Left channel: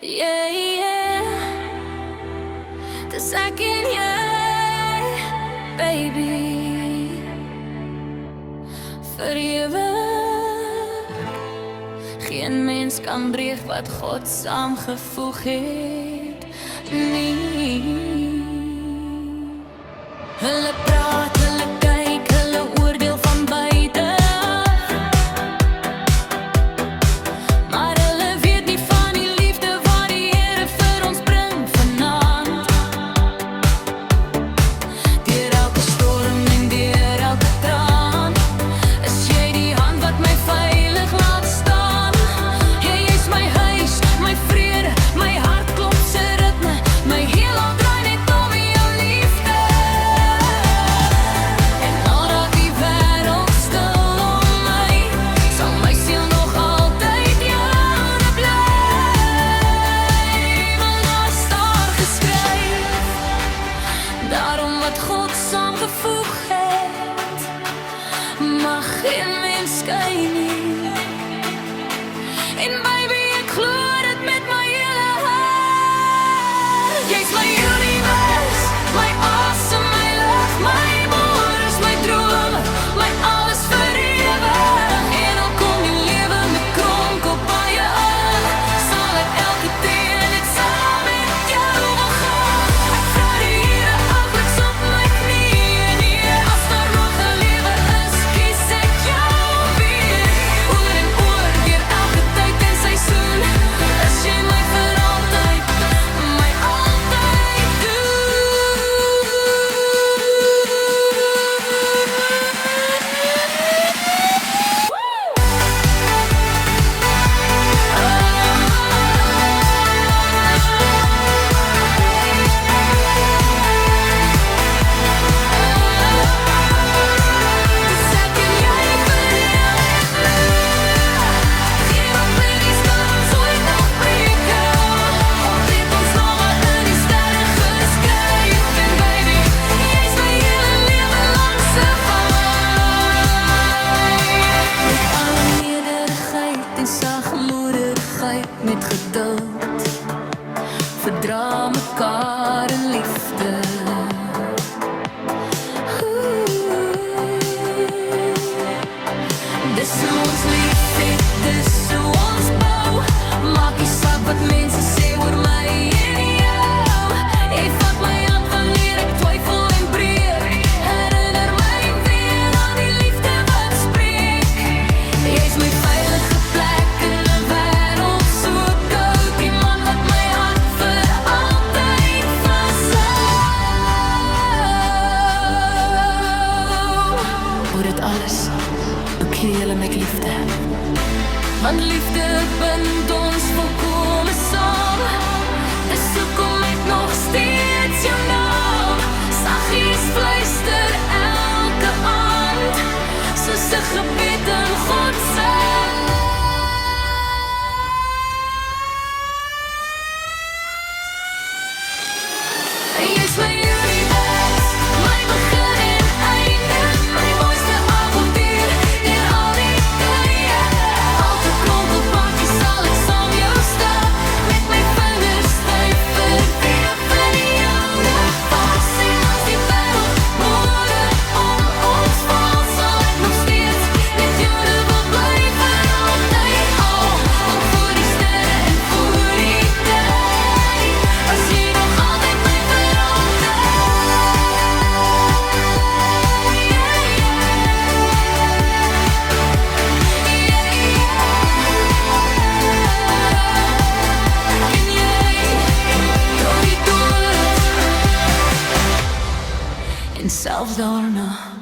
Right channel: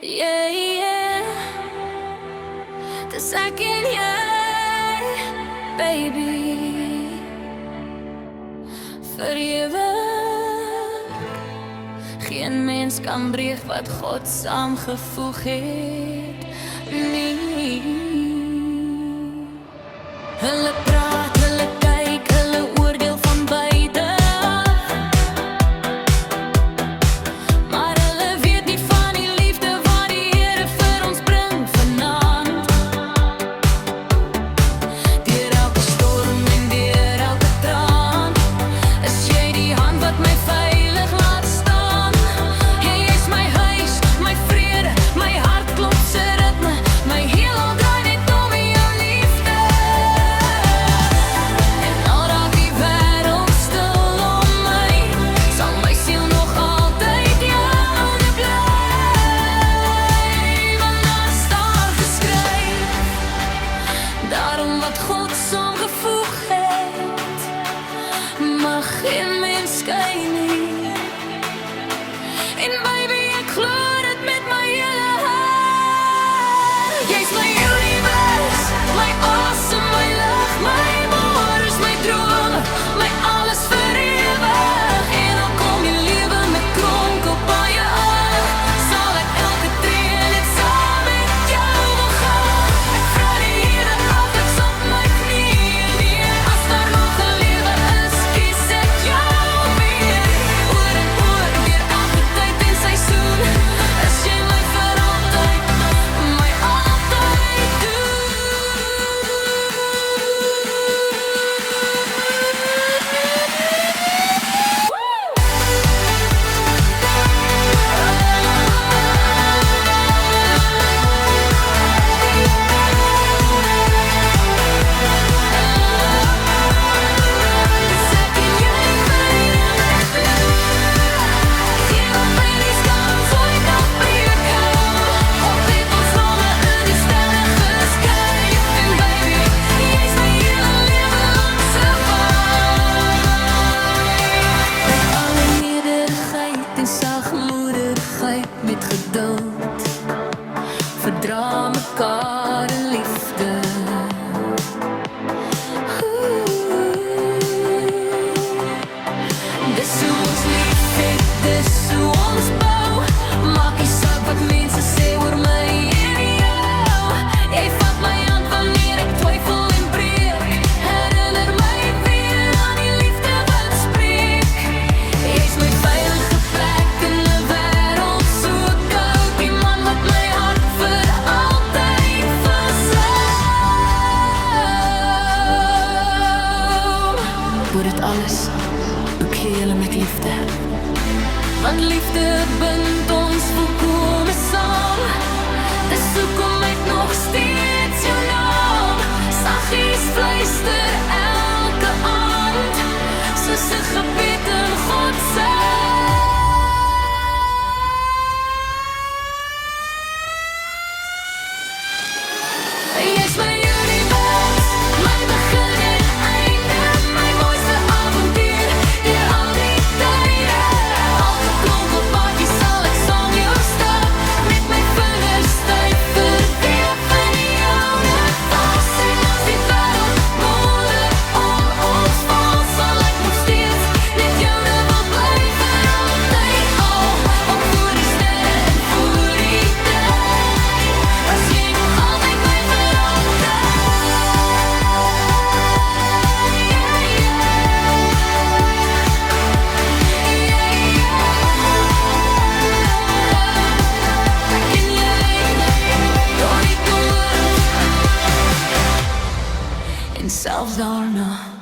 Yeah, yeah. Dis ek en jy, baby, vir ewig. Geen mens kan breek wat God saamgevoeg het, nie. Hulle praat, hulle kyk, hulle oordeel van buite, maar hulle weet nie van die liefde wat die Here vir ons bring vanaand. Deur elke storm en deur elke traan, is jy die hand wat my veilig laat staan. Jy is my huis, my vrede, my hart klop se ritme, my heelal draai net om jou liefde. En al raak die wêreld stil om my, sal my siel nog altyd joune bly. Want daar staan geskryf, daarom wat God saamgevoeg het, mag geen mens skei nie. En baby, ek glo dit met my hele hart. Jy's my universe, my awesome, my lig, my môres, my drome, my alles vir ewig. En al kom die lewe met kronkelpaaie aan, sal ek elke tree net saam met jou wil gaan. Ek vra die Here afliks op my knieë, nee, as daar nog 'n lewe is, kies ek jou weer. Oor en oor, deur elke tyd en seisoen, is jy my vir altyd, my altyd doen. Dis ek en jy vir ewig bly. Geen opinies kan ons ooit nog breek hou. God het ons name in die sterre geskryf. En baby, jy's my hele lewe lank se waai. Met alle nederigheid en sagmoedigheid, met geduld, verdra mekaar in liefde. Dis hoe ons lief het, dis hoe ons bou. Maak nie saak wat mense sê oor my en jou. Jy vat my hand wanneer ek twyfel en breek. Herinner my weer aan die liefde wat spreek. Jy's my veilige plek in 'n wêreld so koud. Die man wat my hart vir altyd vashou. Voor dit alles, bekleed julle met liefde. Want liefde bind ons volkome saam. Dis hoekom ek nog steeds jou naam saggies fluister elke aand, soos 'n gebed in God se. Jy's my universe, my begin en einde, my mooiste avontuur deur al die tye. Elke kronkelpaadjie sal ek saam jou stap, met my vingers styf verweef in joune vas. En as die wêreld môre om ons val, sal ek nog steeds met joune wil bly vir altyd al. Want voor die sterre en voor die tyd, was jy nog altyd my vir altyd. Yeah, yeah. Yeah, yeah. Ek en jy, door die dood en selfs daarna.